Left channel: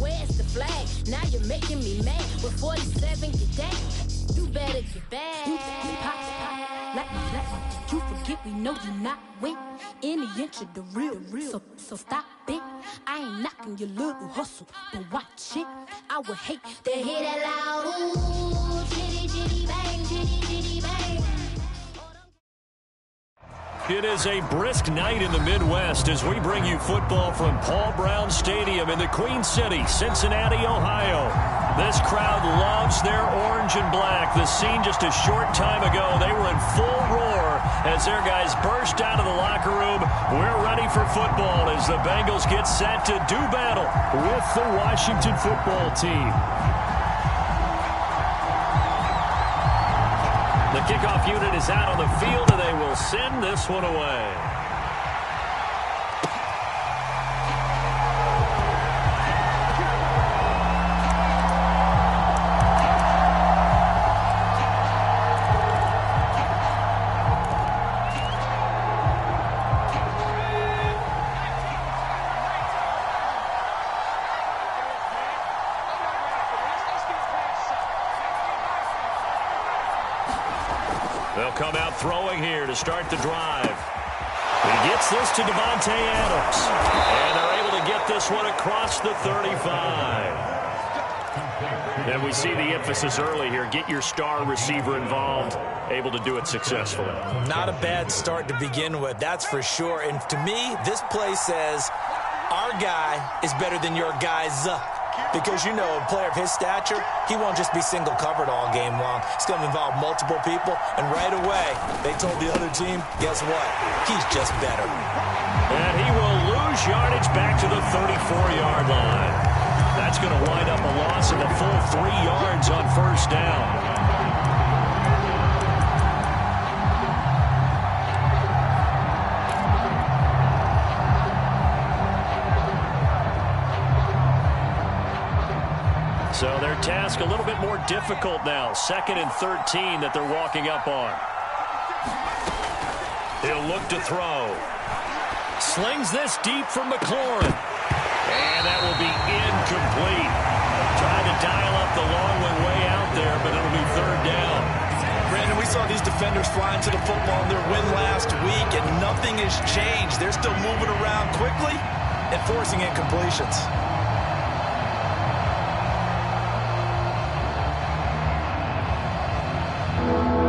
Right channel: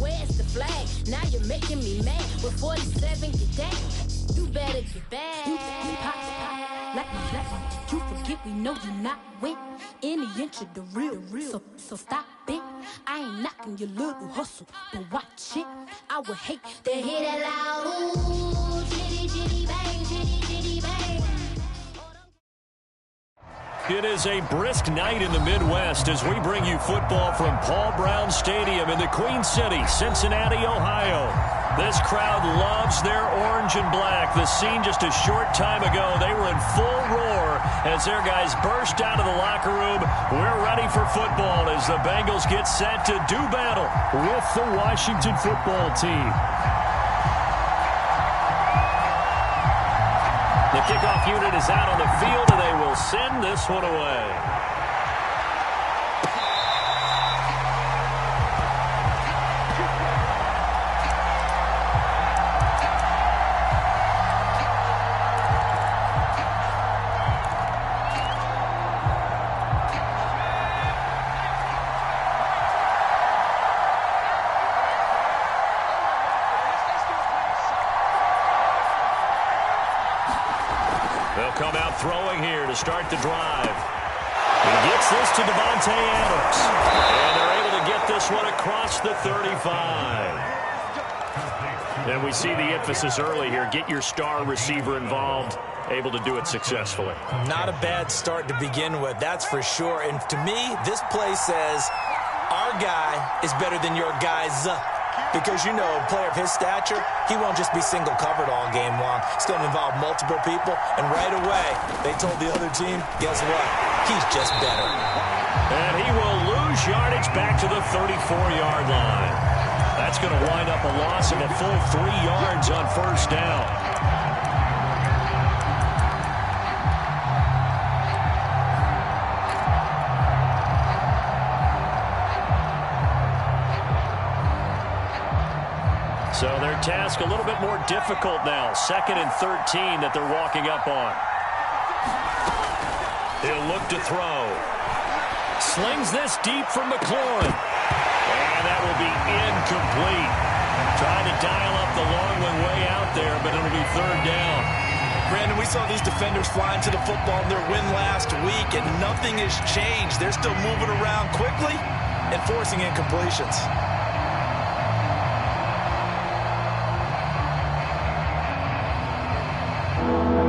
Where's the flag? Now you're making me mad. With 47, get down. You better get back. You pop, like my black. You forget we know you not win. Any inch of the real. So stop it. I ain't knocking your little hustle, but watch it. I would hate to hear that loud. Ooh, chitty, chitty, bang, chitty, chitty, bang. It is a brisk night in the Midwest as we bring you football from Paul Brown Stadium in the Queen City, Cincinnati, Ohio. This crowd loves their orange and black. The scene just a short time ago, they were in full roar as their guys burst out of the locker room. We're ready for football as the Bengals get set to do battle with the Washington football team. The kickoff unit is out on the field, and they will send this one away. They'll come out throwing here to start the drive. He gets this to Devontae Adams. And they're able to get this one across the 35. And we see the emphasis early here. Get your star receiver involved. Able to do it successfully. Not a bad start to begin with, that's for sure. And to me, this play says our guy is better than your guy's. Because, you know, a player of his stature, he won't just be single covered all game long. It's going to involve multiple people. And right away, they told the other team, guess what? He's just better. And he will lose yardage back to the 34-yard line. That's going to wind up a loss of a full 3 yards on first down. So their task a little bit more difficult now. 2nd and 13 that they're walking up on. He'll look to throw. Slings this deep for McLaurin. And that will be incomplete. Trying to dial up the long one way out there, but it'll be 3rd down. Brandon, we saw these defenders flying to the football in their win last week, and nothing has changed. They're still moving around quickly and forcing incompletions.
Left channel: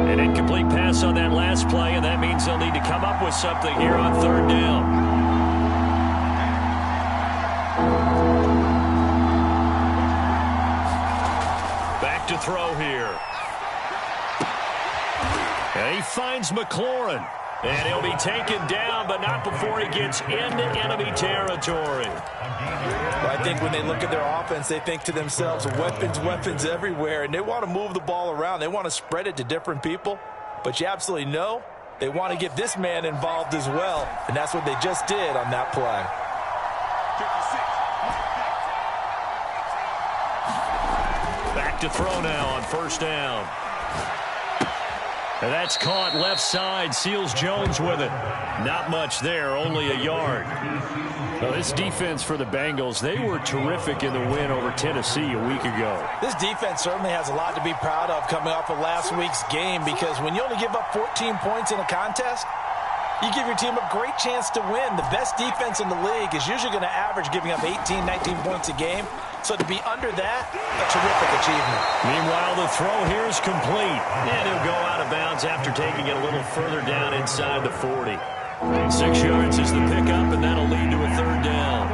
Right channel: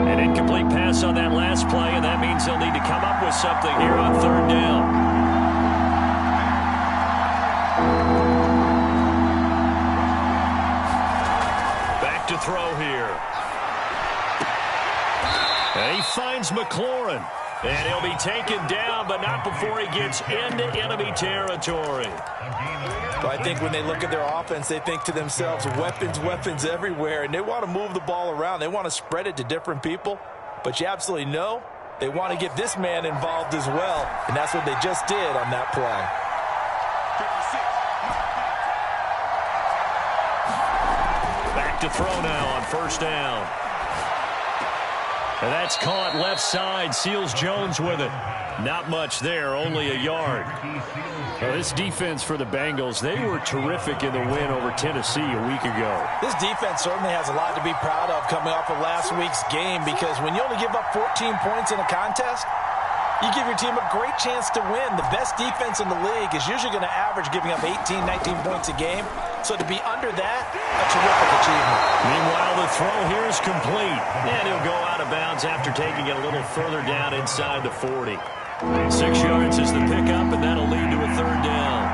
An incomplete pass on that last play, and that means they'll need to come up with something here on 3rd down. Back to throw here. And he finds McLaurin. And he'll be taken down, but not before he gets into enemy territory. But I think when they look at their offense, they think to themselves, weapons everywhere, and they want to move the ball around. They want to spread it to different people. But you absolutely know they want to get this man involved as well, and that's what they just did on that play. Back to throw now on 1st down. And that's caught left side. Seals Jones with it. Not much there, only a yard. Well, this defense for the Bengals, they were terrific in the win over Tennessee a week ago. This defense certainly has a lot to be proud of coming off of last week's game, because when you only give up 14 points in a contest, you give your team a great chance to win. The best defense in the league is usually going to average giving up 18, 19 points a game. So to be under that, a terrific achievement. Meanwhile, the throw here is complete. And he'll go out of bounds after taking it a little further down inside the 40. 6 yards is the pickup, and that'll lead to a 3rd down.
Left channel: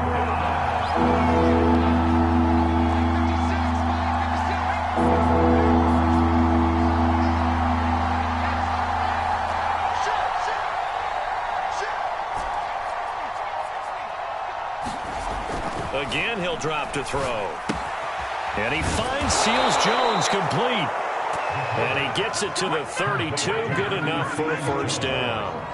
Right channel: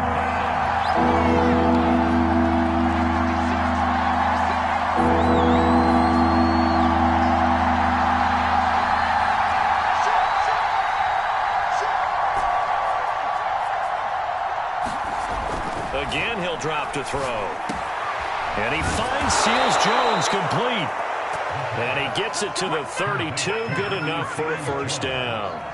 Again, he'll drop to throw. And he finds Seals Jones complete. And he gets it to the 32. Good enough for a 1st down.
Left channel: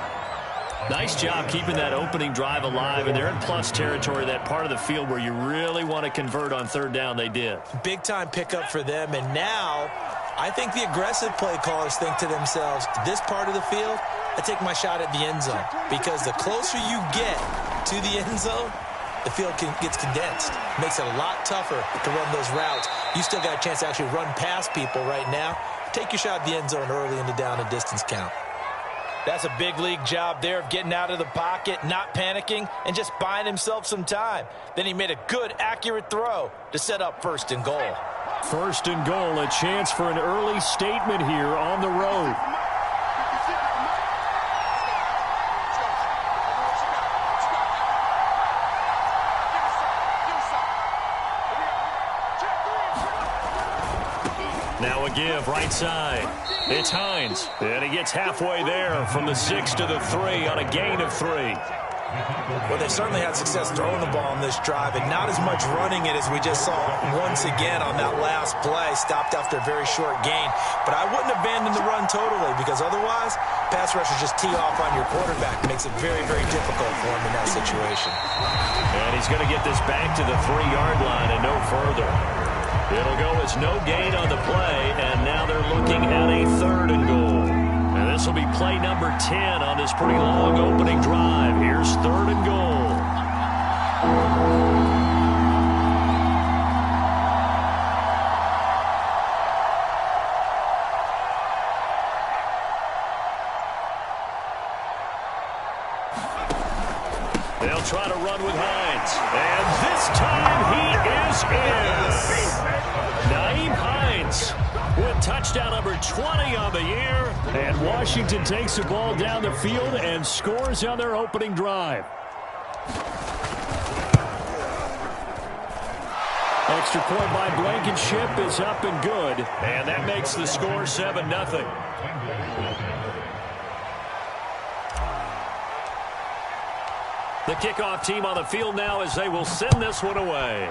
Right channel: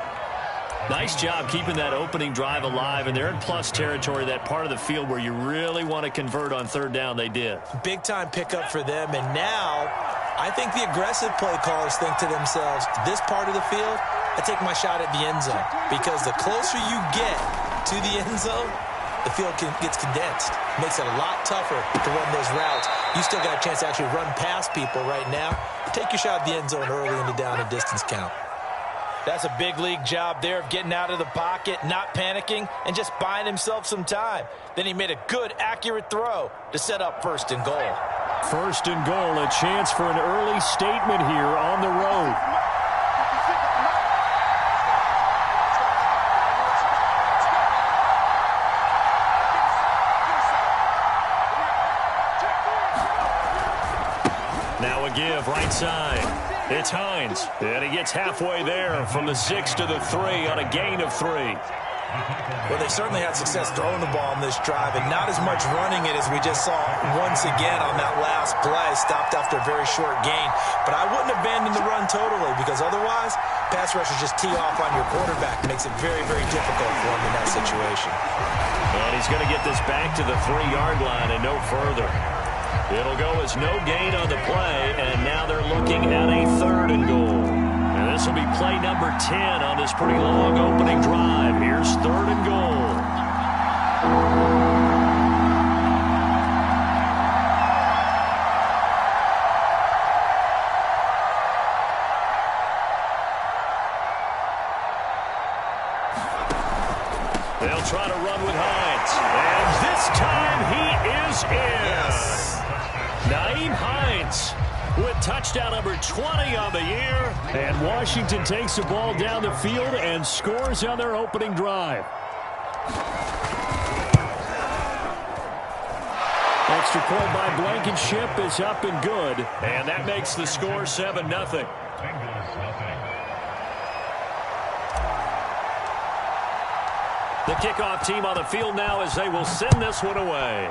Nice job keeping that opening drive alive, and they're in plus territory, that part of the field where you really want to convert on 3rd down. They did. Big-time pickup for them, and now I think the aggressive play callers think to themselves, this part of the field, I take my shot at the end zone, because the closer you get to the end zone, the field gets condensed. makes it a lot tougher to run those routes. You still got a chance to actually run past people right now. Take your shot at the end zone early in the down and distance count. That's a big league job there of getting out of the pocket, not panicking, and just buying himself some time. Then he made a good, accurate throw to set up 1st and goal. 1st and goal, a chance for an early statement here on the road. Now a give right side. It's Hines. And he gets halfway there from the 6 to the 3 on a gain of 3. Well, they've certainly had success throwing the ball on this drive and not as much running it as we just saw once again on that last play. Stopped after a very short gain. But I wouldn't abandon the run totally because otherwise, pass rushers just tee off on your quarterback. Makes it very, very difficult for him in that situation. And he's going to get this back to the 3-yard line and no further. It'll go as no gain on the play, and now they're looking at a 3rd and goal. And this will be play number 10 on this pretty long opening drive. Here's 3rd and goal. They'll try to run with Hines. And this time he is in. Yes. Nyheim Hines with touchdown number 20 on the year. And Washington takes the ball down the field and scores on their opening drive. Extra point by Blankenship is up and good. And that makes the score 7-0. The kickoff team on the field now as they will send this one away.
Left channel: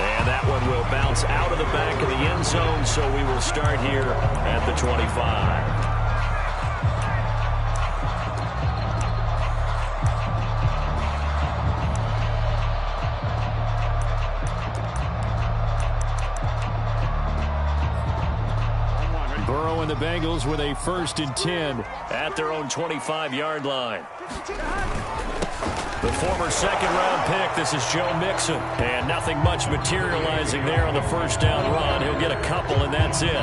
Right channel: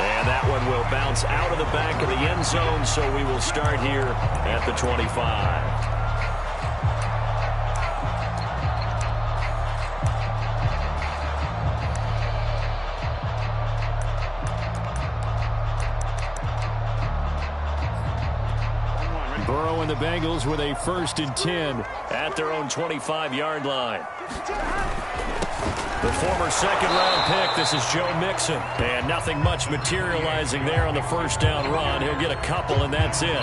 And that one will bounce out of the back of the end zone, so we will start here at the 25. Burrow and the Bengals with a 1st and 10 at their own 25-yard line. The former 2nd-round pick, this is Joe Mixon. And nothing much materializing there on the 1st down run. He'll get a couple, and that's it.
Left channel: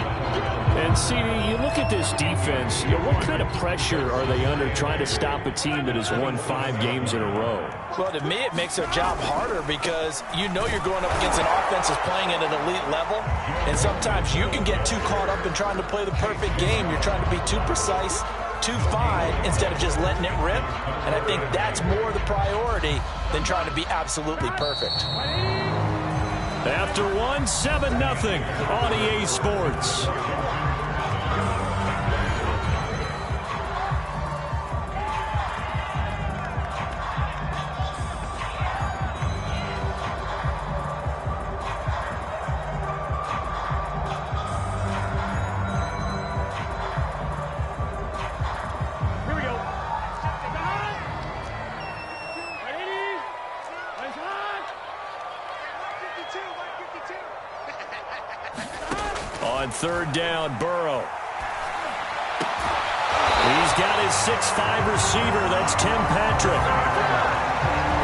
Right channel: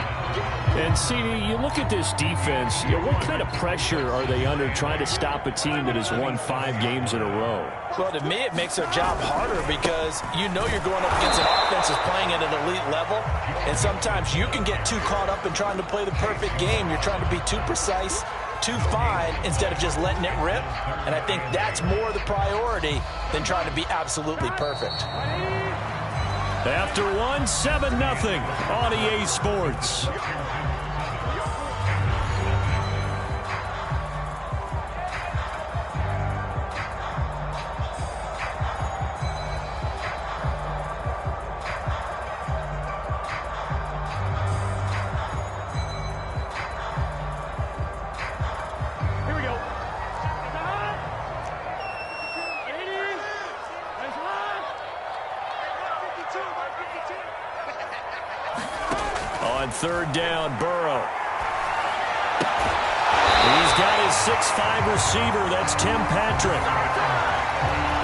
And, CD, you look at this defense, what kind of pressure are they under trying to stop a team that has won 5 games in a row? Well, to me, it makes their job harder because you know you're going up against an offense that's playing at an elite level. And sometimes you can get too caught up in trying to play the perfect game. You're trying to be too precise, too fine, instead of just letting it rip. And I think that's more the priority than trying to be absolutely perfect. After 7-0 on EA Sports. On 3rd down, Burrow. He's got his 6'5" receiver. That's Tim Patrick.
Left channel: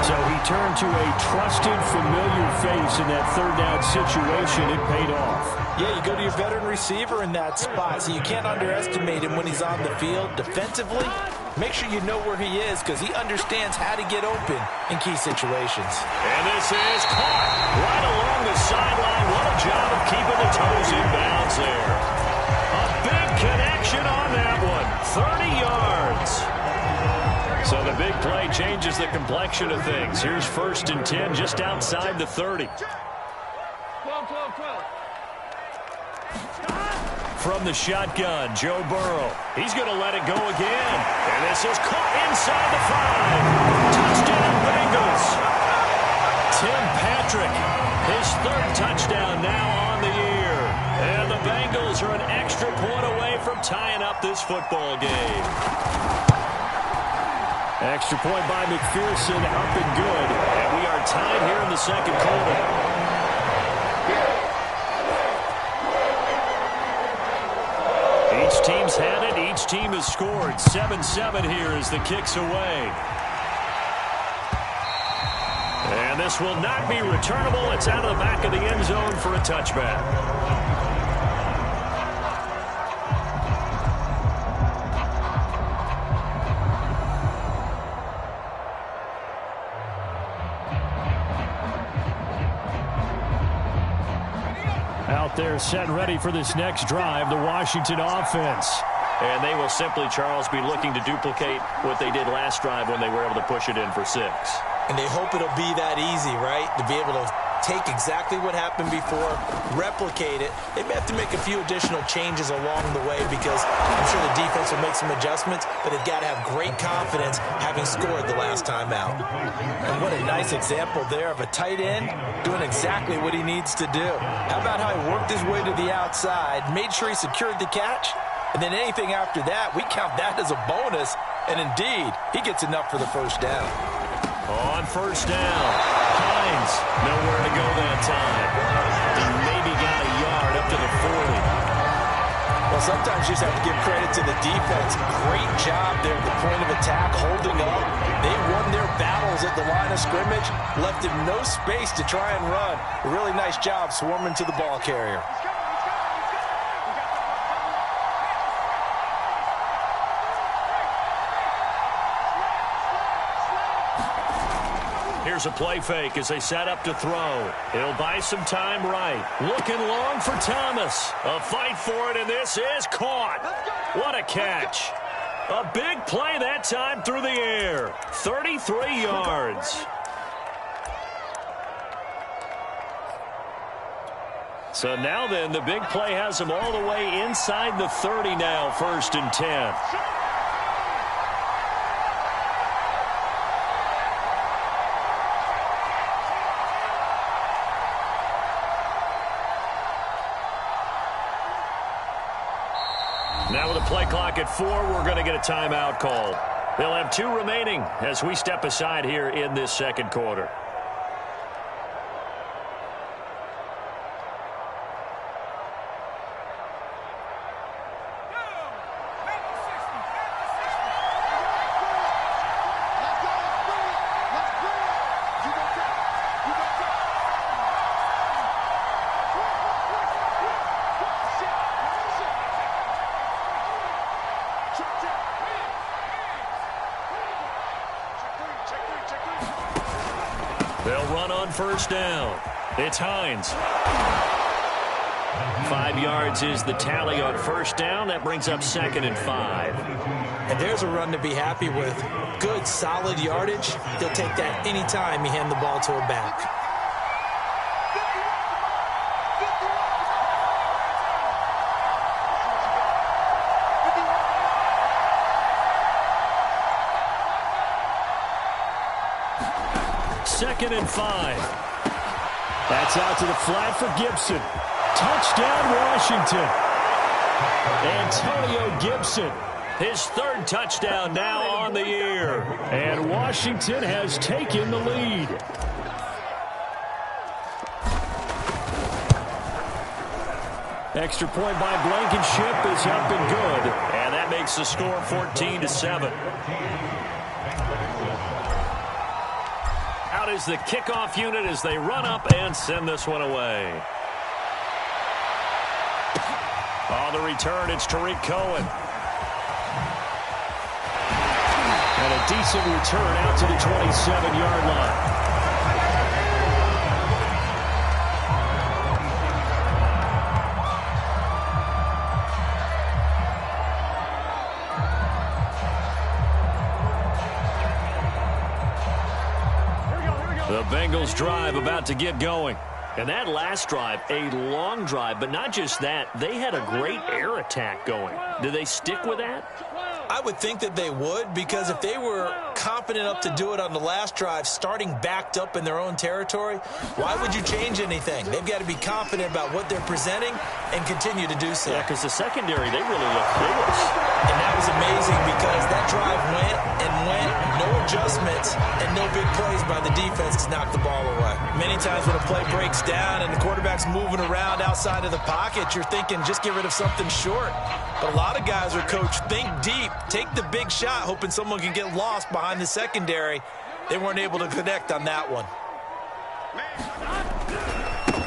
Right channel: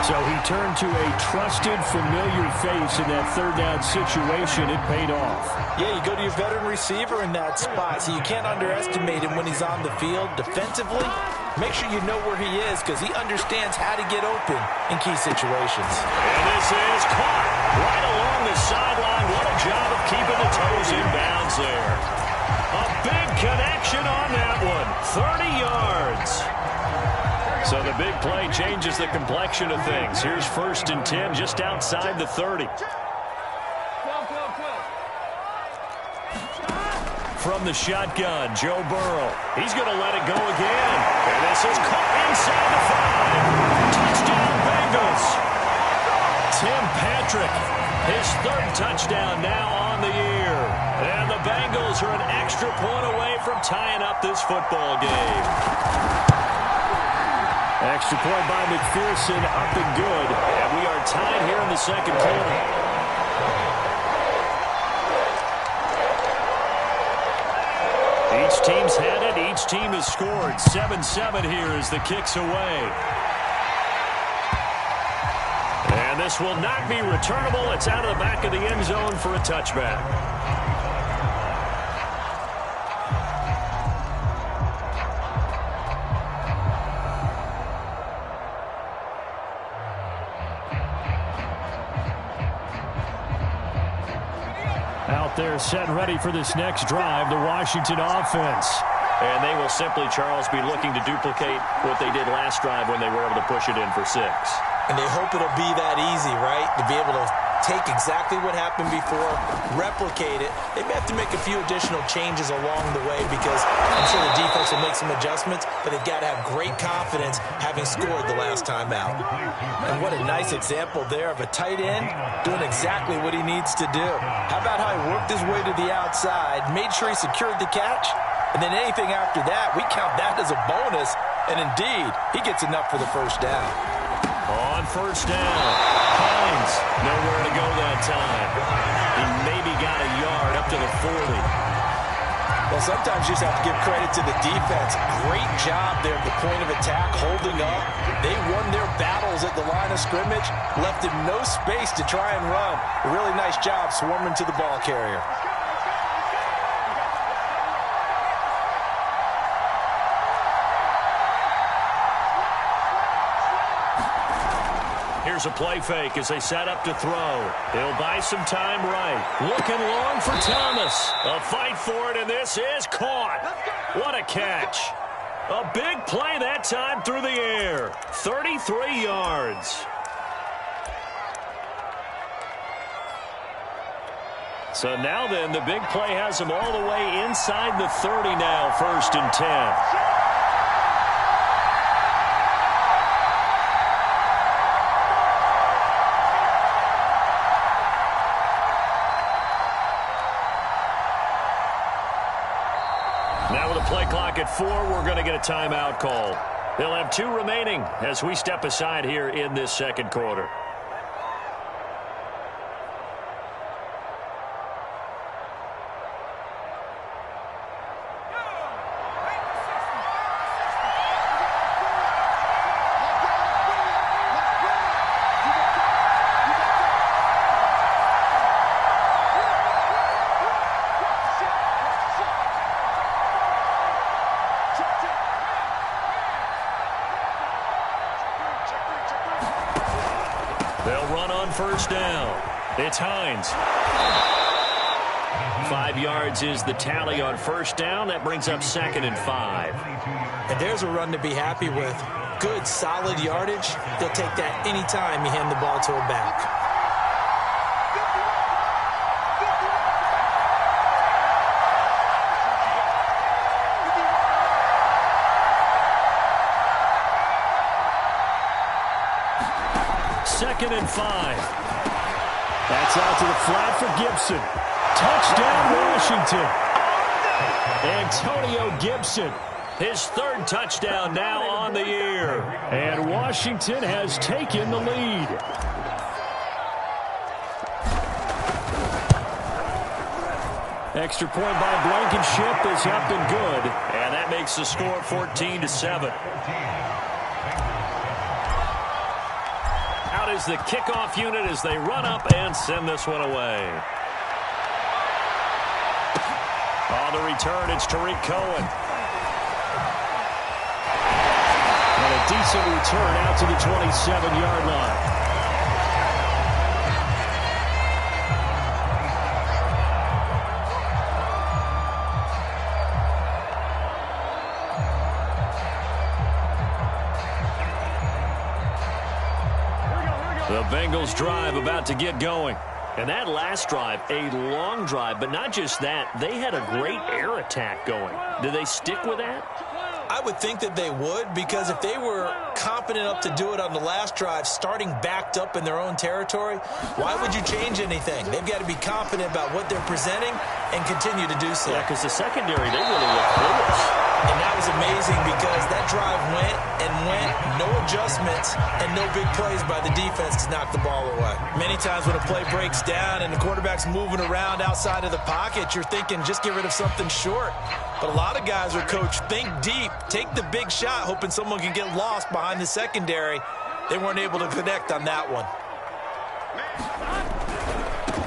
So he turned to a trusted, familiar face in that 3rd down situation. It paid off. Yeah, you go to your veteran receiver in that spot, so you can't underestimate him when he's on the field. Defensively, make sure you know where he is because he understands how to get open in key situations. And this is caught right along the sideline. What a job of keeping the toes in bounds there. A big connection on that one. 30 yards. So the big play changes the complexion of things. Here's 1st and 10 just outside the 30. 12. From the shotgun, Joe Burrow. He's going to let it go again. And this is caught inside the 5. Touchdown, Bengals. Tim Patrick, his 3rd touchdown now on the year. And the Bengals are an extra point away from tying up this football game. Extra point by McPherson, up and good. And we are tied here in the 2nd quarter. Each team's had it. Each team has scored. 7-7 here as the kick's away. And this will not be returnable. It's out of the back of the end zone for a touchback. Out there set and ready for this next drive, the Washington offense. And they will simply, Charles, be looking to duplicate what they did last drive when they were able to push it in for 6. And they hope it'll be that easy, right? To be able to take exactly what happened before, replicate it. They may have to make a few additional changes along the way because I'm sure the defense will make some adjustments, but they've got to have great confidence having scored the last time out. And what a nice example there of a tight end doing exactly what he needs to do. How about how he worked his way to the outside, made sure he secured the catch, and then anything after that, we count that as a bonus. And indeed, he gets enough for the first down. On first down, Hines nowhere to go that time. He maybe got a yard up to the 40. Well, sometimes you just have to give credit to the defense. Great job there at the point of attack, holding up. They won their battles at the line of scrimmage, left him no space to try and run. A really nice job swarming to the ball carrier. Here's a play fake as they set up to throw. He'll buy some time right. Looking long for Thomas. A fight for it, and this is caught. What a catch. A big play that time through the air. 33 yards. So now then, the big play has him all the way inside the 30 now, 1st and 10. Now with a play clock at 4, we're going to get a timeout called. They'll have 2 remaining as we step aside here in this second quarter. They'll run on first down. It's Hines. 5 yards is the tally on first down. That brings up 2nd and 5. And there's a run to be happy with. Good, solid yardage. He'll take that anytime you hand the ball to a back. Second and 5. That's out to the flat for Gibson. Touchdown, Washington. Antonio Gibson. His 3rd touchdown now on the year. And Washington has taken the lead. Extra point by Blankenship is up and good. And that makes the score 14-7. Out is the kickoff unit as they run up and send this one away. On the return, it's Tariq Cohen. And a decent return out to the 27-yard line. The Bengals drive about to get going. And that last drive, a long drive, but not just that, they had a great air attack going. Do they stick with that? I would think that they would, because if they were confident enough to do it on the last drive, starting backed up in their own territory, why would you change anything? They've got to be confident about what they're presenting and continue to do so. Yeah, because the secondary, they really look clueless. And that was amazing because that drive went and went, no adjustments, and no big plays by the defense to knock the ball away. Many times when a play breaks down and the quarterback's moving around outside of the pocket, you're thinking just get rid of something short. But a lot of guys are coached, think deep, take the big shot, hoping someone can get lost behind the secondary. They weren't able to connect on that one.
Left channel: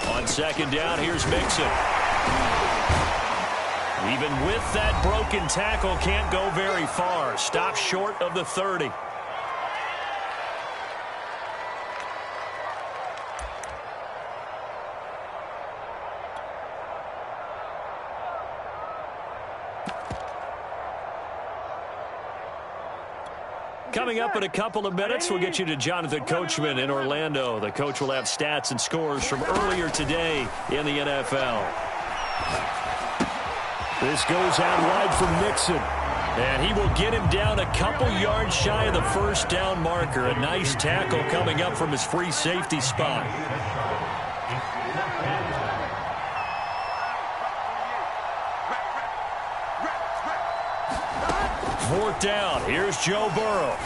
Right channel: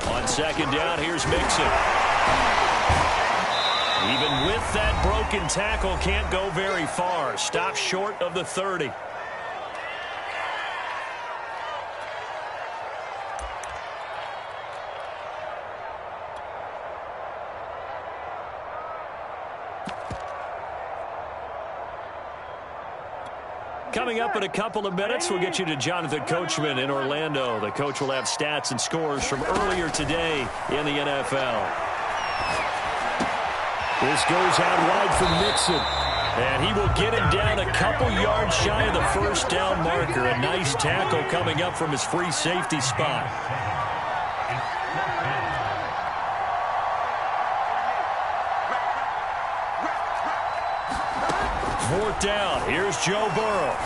On second down, here's Mixon. Even with that broken tackle, can't go very far. Stops short of the 30. Coming up in a couple of minutes, we'll get you to Jonathan Coachman in Orlando. The coach will have stats and scores from earlier today in the NFL. This goes out wide for Mixon. And he will get him down a couple yards shy of the first down marker. A nice tackle coming up from his free safety spot. Fourth down. Here's Joe Burrow.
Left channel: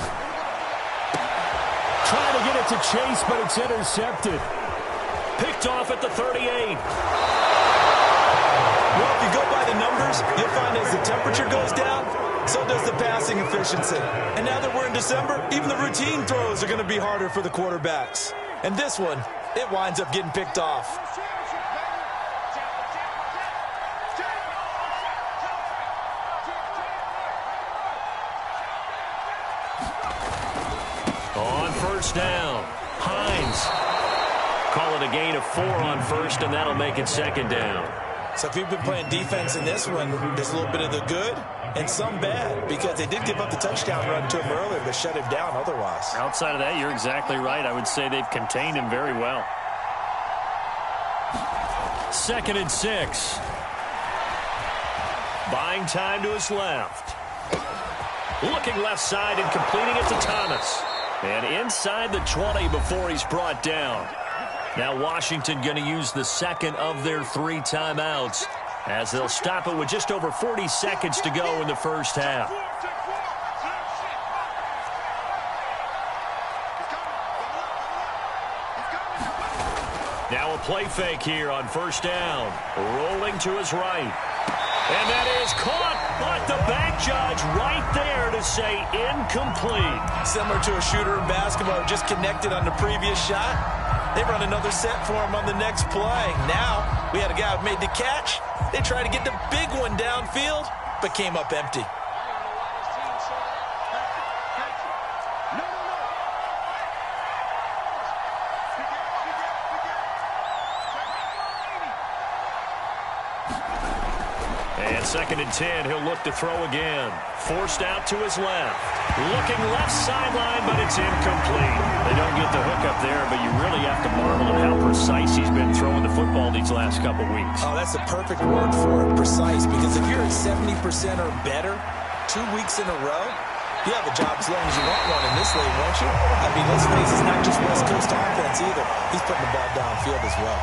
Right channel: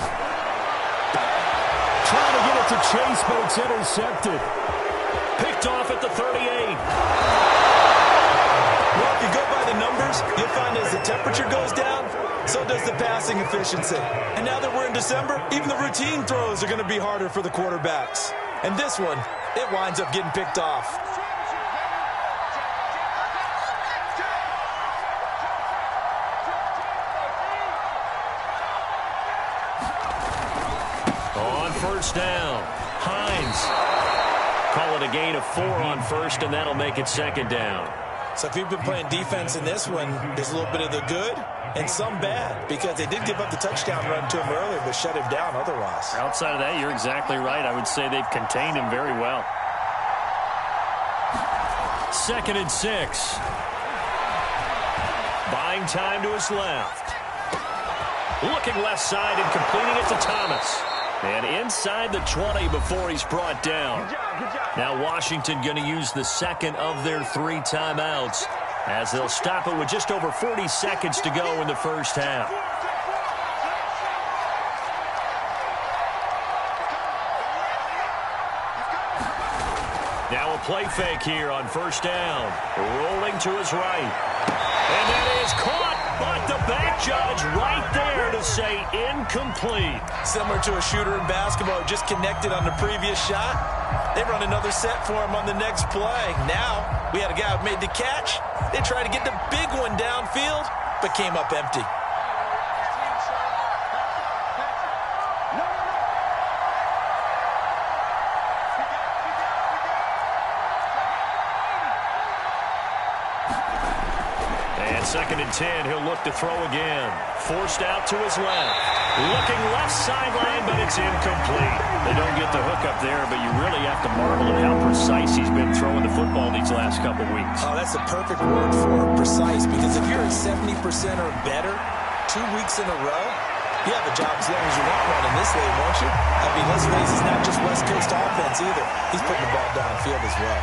Trying to get it to Chase, but it's intercepted. Picked off at the 38. Well, if you go by the numbers, you'll find as the temperature goes down, so does the passing efficiency. And now that we're in December, even the routine throws are going to be harder for the quarterbacks. And this one, it winds up getting picked off. On first down, Hines. Call it a gain of 4 on first, and that'll make it second down. So if you've been playing defense in this one, there's a little bit of the good and some bad, because they did give up the touchdown run to him earlier, but shut him down otherwise. Outside of that, you're exactly right. I would say they've contained him very well. 2nd and 6. Buying time to his left. Looking left side and completing it to Thomas. And inside the 20 before he's brought down. Now Washington going to use the second of their 3 timeouts as they'll stop it with just over 40 seconds to go in the first half. Now a play fake here on first down. Rolling to his right. And that is caught, but the back judge right there to say incomplete. Similar to a shooter in basketball, just connected on the previous shot. They run another set for him on the next play. Now, we had a guy who made the catch. They tried to get the big one downfield, but came up empty. And 2nd and 10, he'll look to throw again. Forced out to his left. Looking left sideline, but it's incomplete. They don't get the hook up there, but you really have to marvel at how precise he's been throwing the football these last couple weeks. Oh, that's the perfect word for it, precise, because if you're at 70% or better 2 weeks in a row, you have a job as long as you want one in this league, won't you? I mean, let's face it, it's not just West Coast offense either. He's putting the ball downfield as well.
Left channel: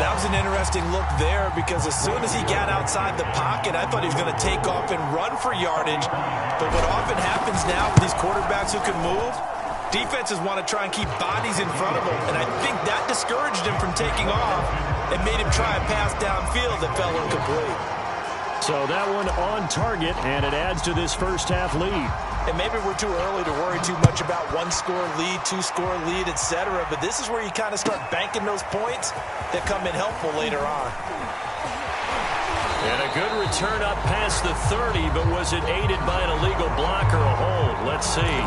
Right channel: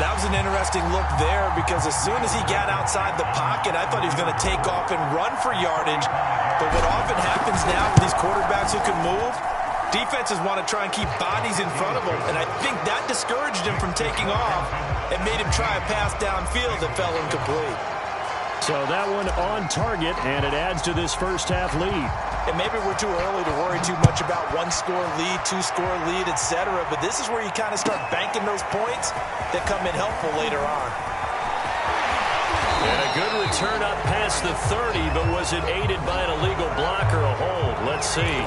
That was an interesting look there, because as soon as he got outside the pocket, I thought he was going to take off and run for yardage. But what often happens now with these quarterbacks who can move, defenses want to try and keep bodies in front of them. And I think that discouraged him from taking off and made him try a pass downfield that fell incomplete. So that one on target, and it adds to this first half lead. And maybe we're too early to worry too much about 1-score lead, 2-score lead, etc. But this is where you kind of start banking those points that come in helpful later on. And a good return up past the 30, but was it aided by an illegal block or a hold? Let's see.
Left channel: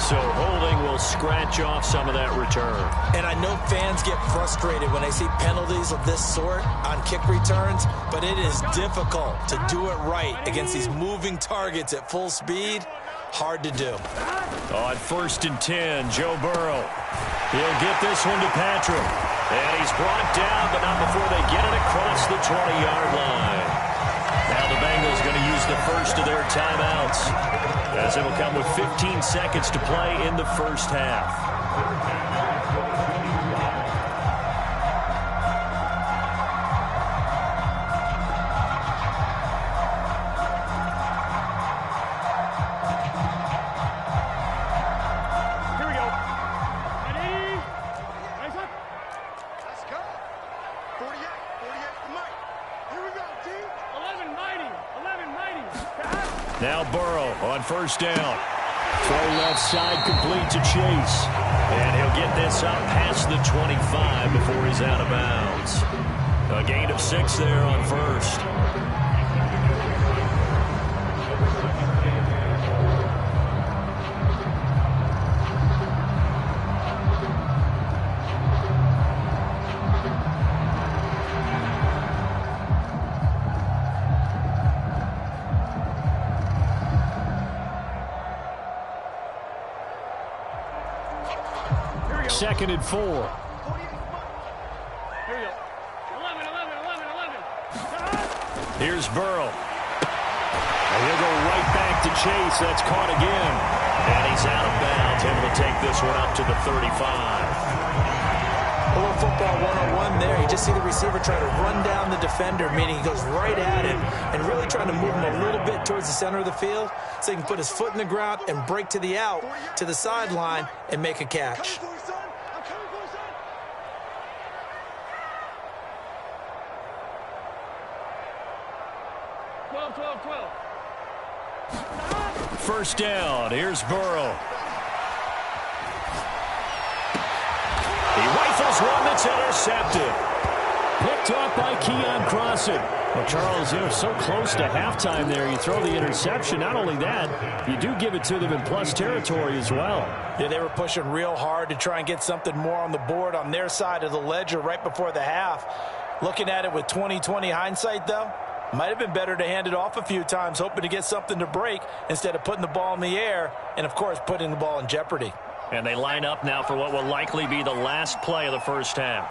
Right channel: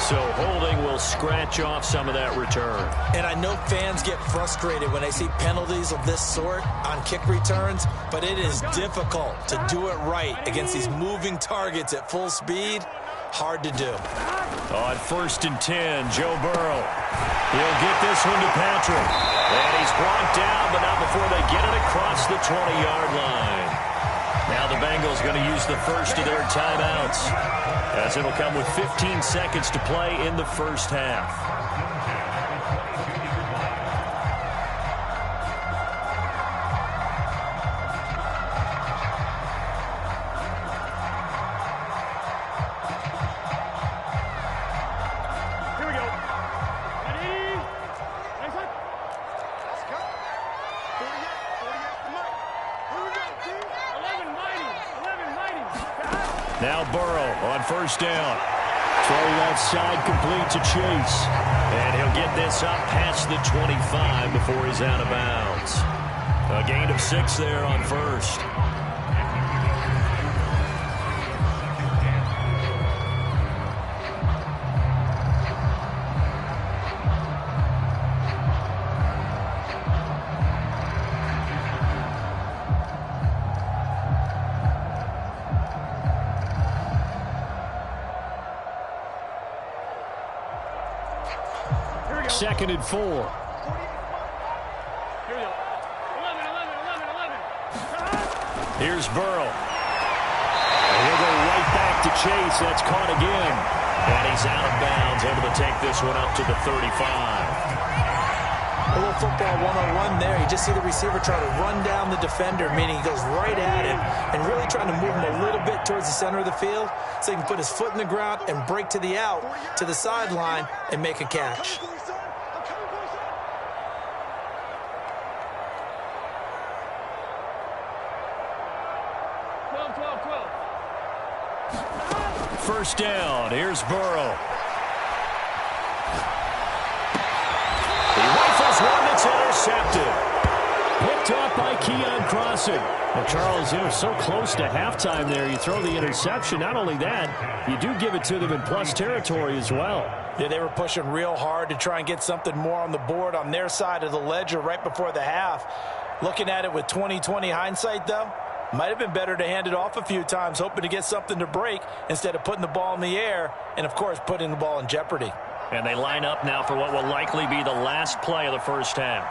So holding will scratch off some of that return. And I know fans get frustrated when they see penalties of this sort on kick returns, but it is difficult to do it right against these moving targets at full speed. Hard to do. On 1st and 10, Joe Burrow. He'll get this one to Patrick. And he's brought down, but not before they get it across the 20-yard line. Now the Bengals going to use the first of their timeouts, as it'll come with 15 seconds to play in the first half. Here we go. Ready? Nice up. Let's go. 48 to Mike. Here we go, team. 11 mighty. Now Burrow on first down. Throw left side complete to Chase. And he'll get this up past the 25 before he's out of bounds. A gain of 6 there on first. Second and 4. Here we go. 11. Here's Burrow. And he'll go right back to Chase. That's caught again. And he's out of bounds, able to take this one up to the 35. A little football 101 there. You just see the receiver try to run down the defender, meaning he goes right at him and really trying to move him a little bit towards the center of the field so he can put his foot in the ground and break to the out, to the sideline, and make a catch. First down. Here's Burrow. He rifles one that's intercepted. Picked off by Keon Crossan. Well, Charles, so close to halftime there. You throw the interception. Not only that, you do give it to them in plus territory as well. Yeah, they were pushing real hard to try and get something more on the board on their side of the ledger right before the half. Looking at it with 20/20 hindsight, though, might have been better to hand it off a few times, hoping to get something to break instead of putting the ball in the air and, of course, putting the ball in jeopardy. And they line up now for what will likely be the last play of the first half.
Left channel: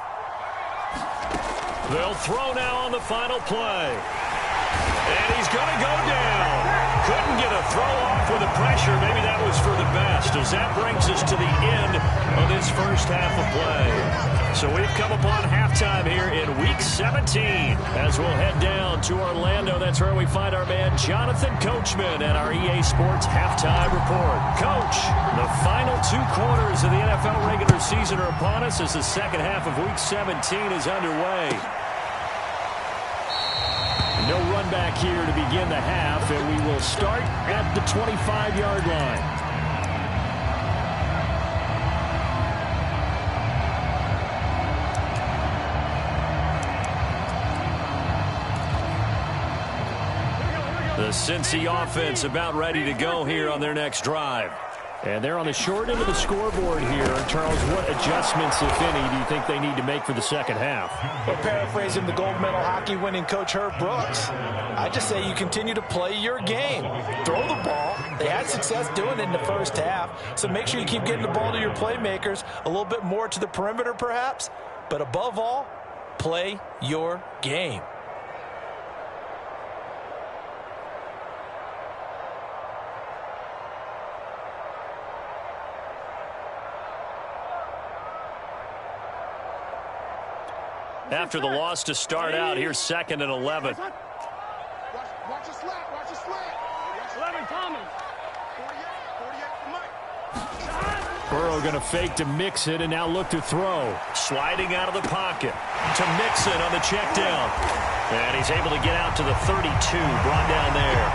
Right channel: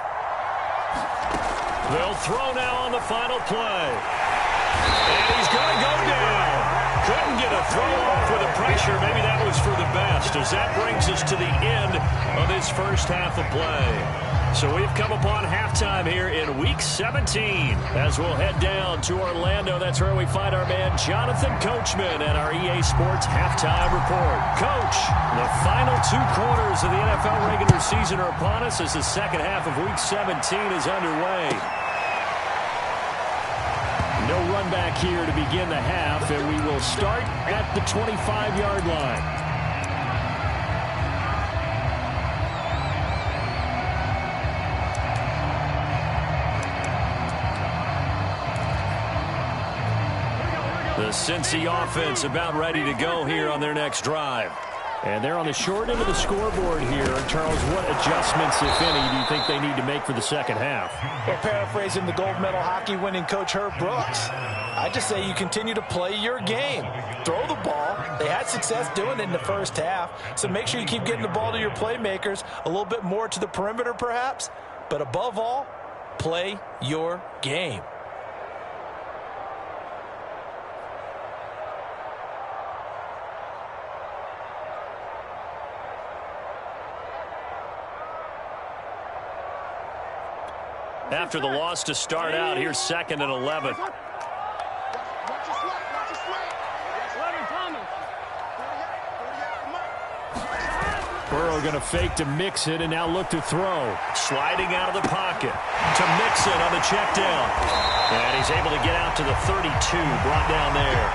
They'll throw now on the final play. And he's going to go down. Couldn't get a throw off with the pressure. Maybe that was for the best, as that brings us to the end of this first half of play. So we've come upon halftime here in Week 17. As we'll head down to Orlando, that's where we find our man Jonathan Coachman at our EA Sports Halftime Report. Coach, the final 2 quarters of the NFL regular season are upon us as the second half of Week 17 is underway. No run back here to begin the half, and we will start at the 25-yard line. The Cincy offense about ready to go here on their next drive. And they're on the short end of the scoreboard here. Charles, what adjustments, if any, do you think they need to make for the second half? Well, paraphrasing the gold medal hockey winning coach Herb Brooks, I just say you continue to play your game. Throw the ball. They had success doing it in the first half, so make sure you keep getting the ball to your playmakers, a little bit more to the perimeter perhaps, but above all, play your game. After the loss to start out, here's 2nd and 11. Watch your slack, watch your slack. 11, Thomas. 48 for Mike. Burrow going to fake to Mixon and now look to throw. Sliding out of the pocket to Mixon on the check down. And he's able to get out to the 32, brought down there.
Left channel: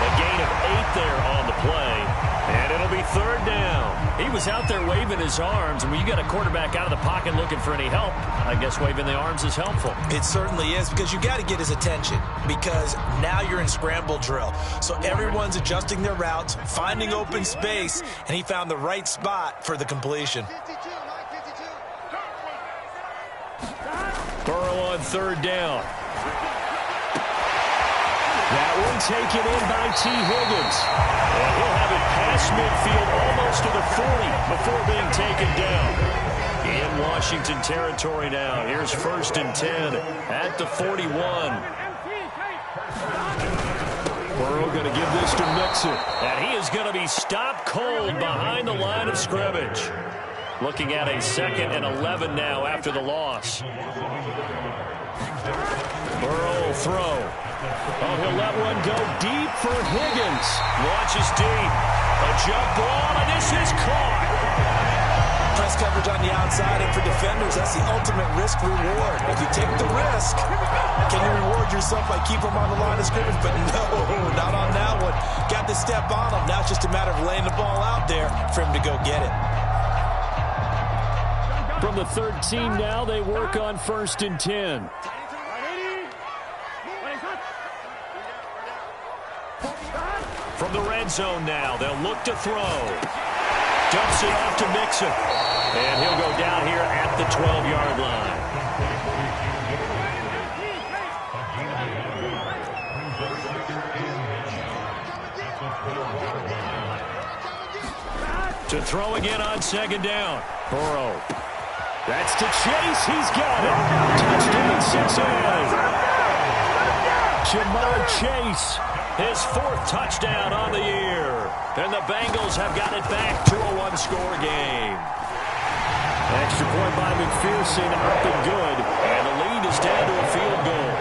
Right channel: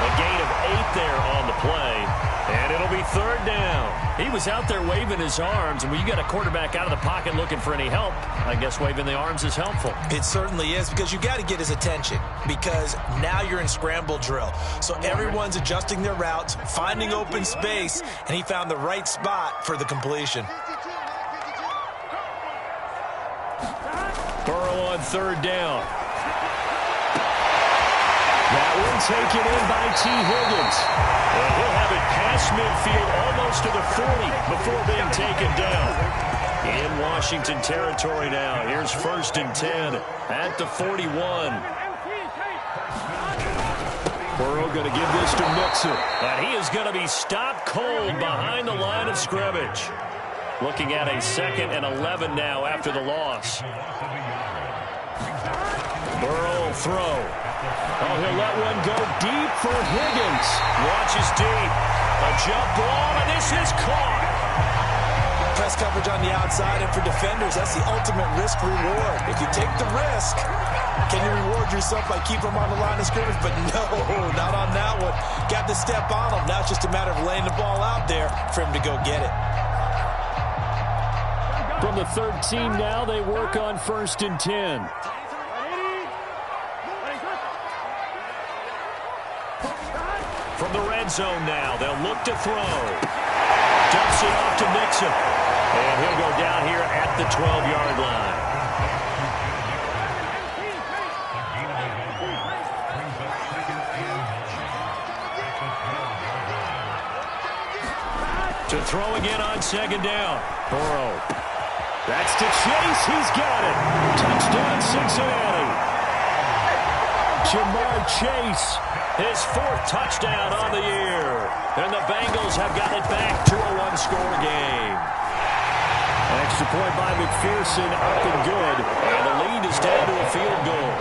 A gain of 8 there on the play. And it'll be 3rd down. He was out there waving his arms, and when you got a quarterback out of the pocket looking for any help, I guess waving the arms is helpful. It certainly is, because you got to get his attention, because now you're in scramble drill. So everyone's adjusting their routes, finding open space, and he found the right spot for the completion. 52, Mike, 52. Burrow on 3rd down. That one taken in by T. Higgins. And he'll have it past midfield almost to the 40 before being taken down. In Washington territory now. Here's 1st and 10 at the 41. Burrow going to give this to Mixon. And he is going to be stopped cold behind the line of scrimmage. Looking at a 2nd and 11 now after the loss. Burrow will throw. Oh, he'll let one go deep for Higgins. Launches deep. A jump ball, and this is caught. Press coverage on the outside, and for defenders, that's the ultimate risk-reward. If you take the risk, can you reward yourself by keeping them on the line of scrimmage? But no, not on that one. Got the step on him. Now it's just a matter of laying the ball out there for him to go get it. From the 13 now, they work on 1st and 10. From the red zone now, they'll look to throw. Dumps it off to Mixon. And he'll go down here at the 12-yard line. To throw again on 2nd down. Burrow. That's to Chase. He's got it. Touchdown, Cincinnati. Jamar Chase, his 4th touchdown on the year. And the Bengals have got it back to a one-score game. Extra point by McPherson, up and good. And the lead is down to a field goal.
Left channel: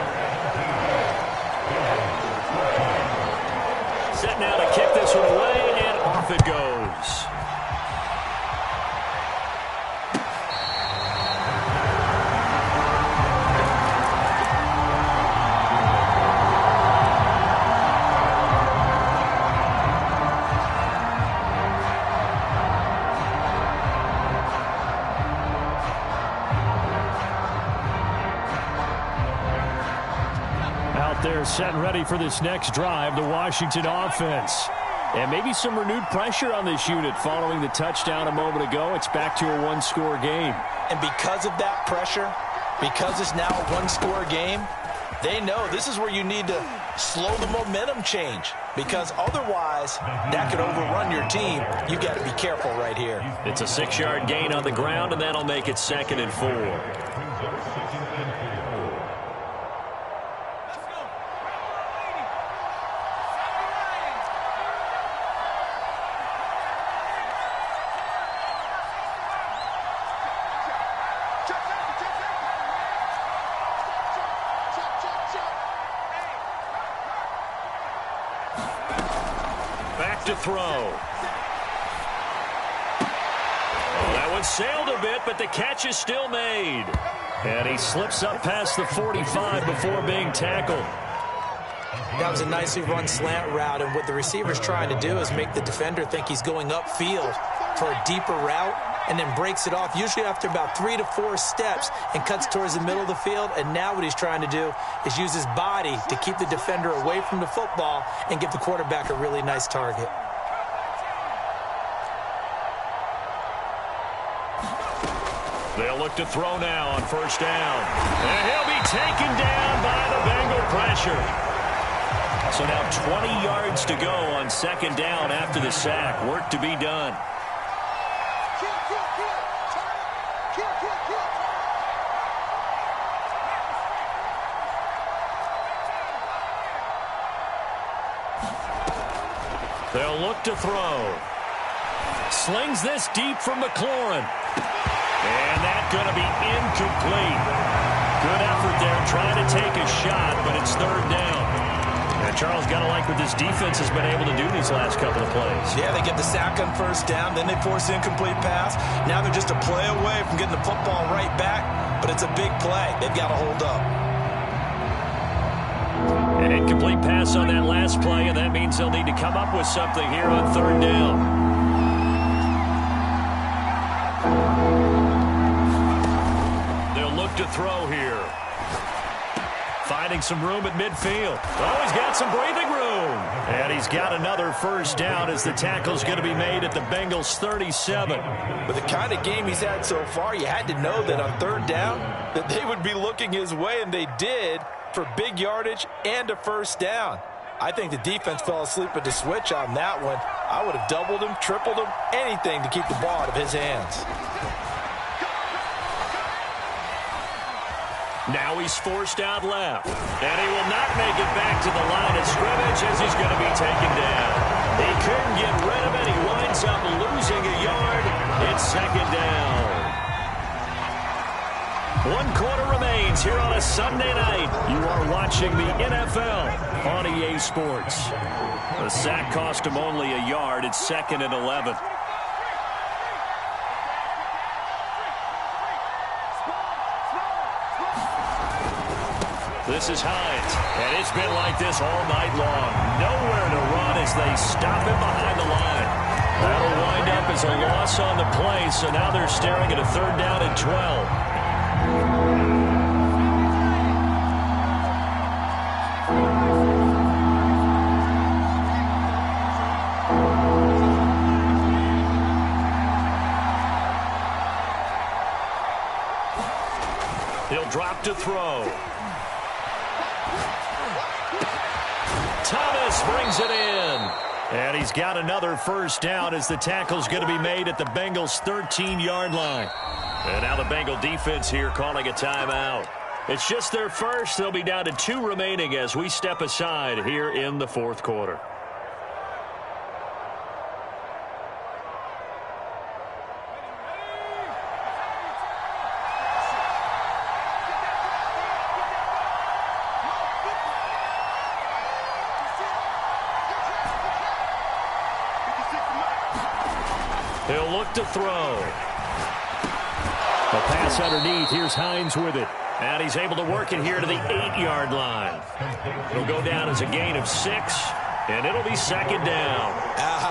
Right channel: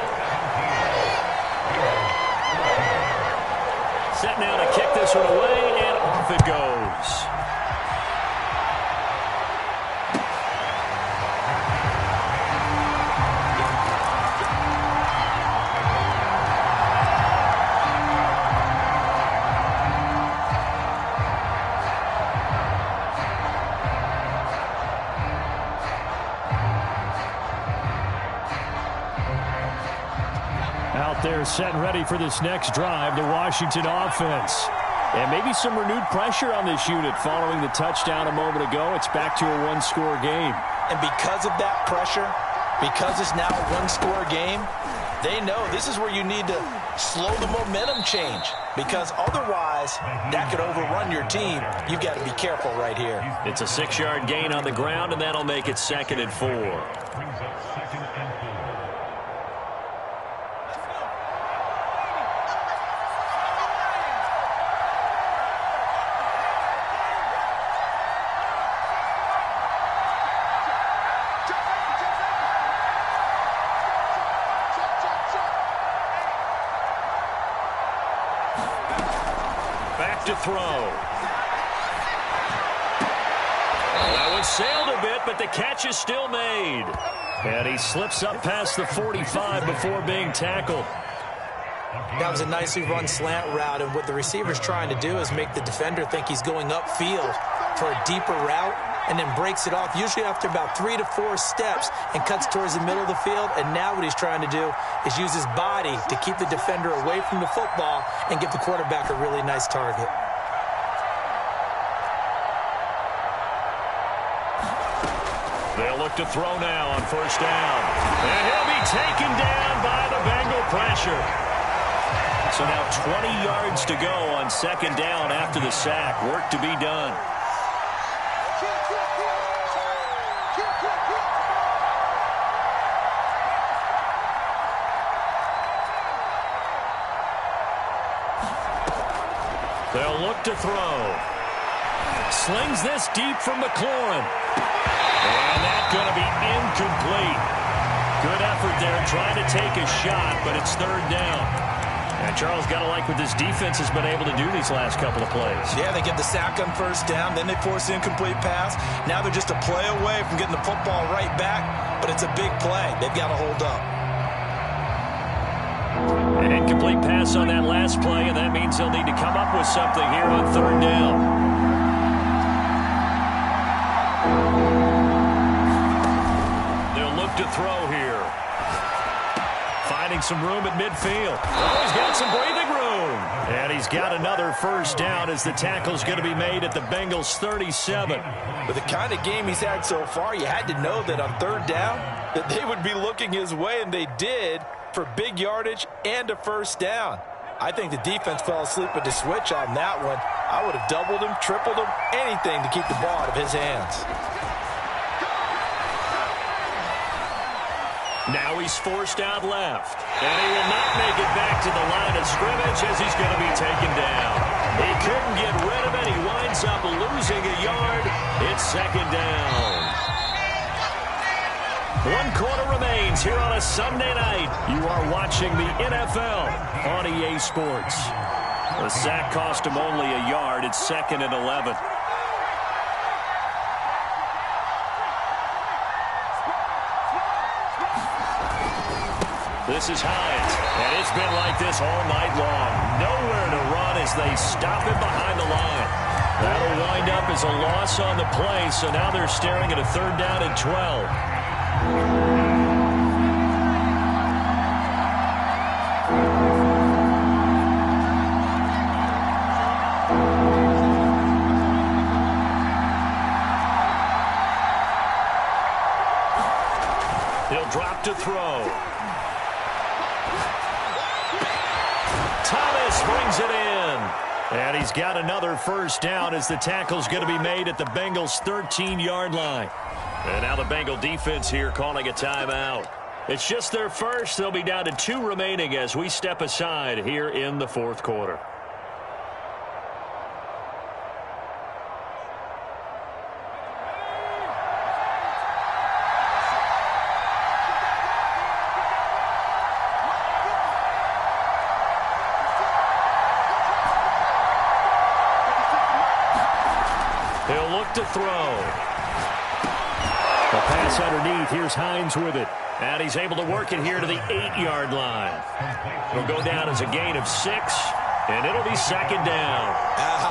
Set now to kick this one away, and off it goes. Out there set and ready for this next drive, the Washington offense. And maybe some renewed pressure on this unit following the touchdown a moment ago. It's back to a one-score game. And because of that pressure, because it's now a one-score game, they know this is where you need to slow the momentum change. Because otherwise, that could overrun your team. You've got to be careful right here. It's a 6-yard gain on the ground, and that'll make it 2nd and 4. Back to throw. Well, that one sailed a bit, but the catch is still made. And he slips up past the 45 before being tackled. That was a nicely run slant route, and what the receiver's trying to do is make the defender think he's going upfield for a deeper route, and then breaks it off, usually after about 3 to 4 steps, and cuts towards the middle of the field. And now what he's trying to do is use his body to keep the defender away from the football and give the quarterback a really nice target. They'll look to throw now on 1st down. And he'll be taken down by the Bengal pressure. So now 20 yards to go on 2nd down after the sack. Work to be done. They'll look to throw. Slings this deep from McLaurin. And that's going to be incomplete. Good effort there trying to take a shot, but it's 3rd down. And Charles, got to like what this defense has been able to do these last couple of plays. Yeah, they get the sack on 1st down, then they force the incomplete pass. Now they're just a play away from getting the football right back, but it's a big play. They've got to hold up. An incomplete pass on that last play, and that means they'll need to come up with something here on 3rd down. They'll look to throw here. Finding some room at midfield. Oh, he's got some breathing room. And he's got another 1st down as the tackle's going to be made at the Bengals' 37. With the kind of game he's had so far, you had to know that on 3rd down that they would be looking his way, and they did, for big yardage and a 1st down. I think the defense fell asleep at the switch on that one. I would have doubled him, tripled him, anything to keep the ball out of his hands. Now he's forced out left. And he will not make it back to the line of scrimmage as he's going to be taken down. He couldn't get rid of it. He winds up losing a yard. It's 2nd down. 1 quarter remains here on a Sunday night. You are watching the NFL on EA Sports. The sack cost him only a yard. It's 2nd and 11. This is Hines, and it's been like this all night long. Nowhere to run as they stop him behind the line. That'll wind up as a loss on the play, so now they're staring at a 3rd down and 12. He'll drop to throw. Thomas brings it in. And he's got another 1st down as the tackle's going to be made at the Bengals' 13-yard line. And now the Bengal defense here calling a timeout. It's just their first. They'll be down to 2 remaining as we step aside here in the 4th quarter. He'll look to throw. The pass underneath. Here's Hines with it. And he's able to work it here to the 8-yard line. It'll go down as a gain of 6, and it'll be 2nd down.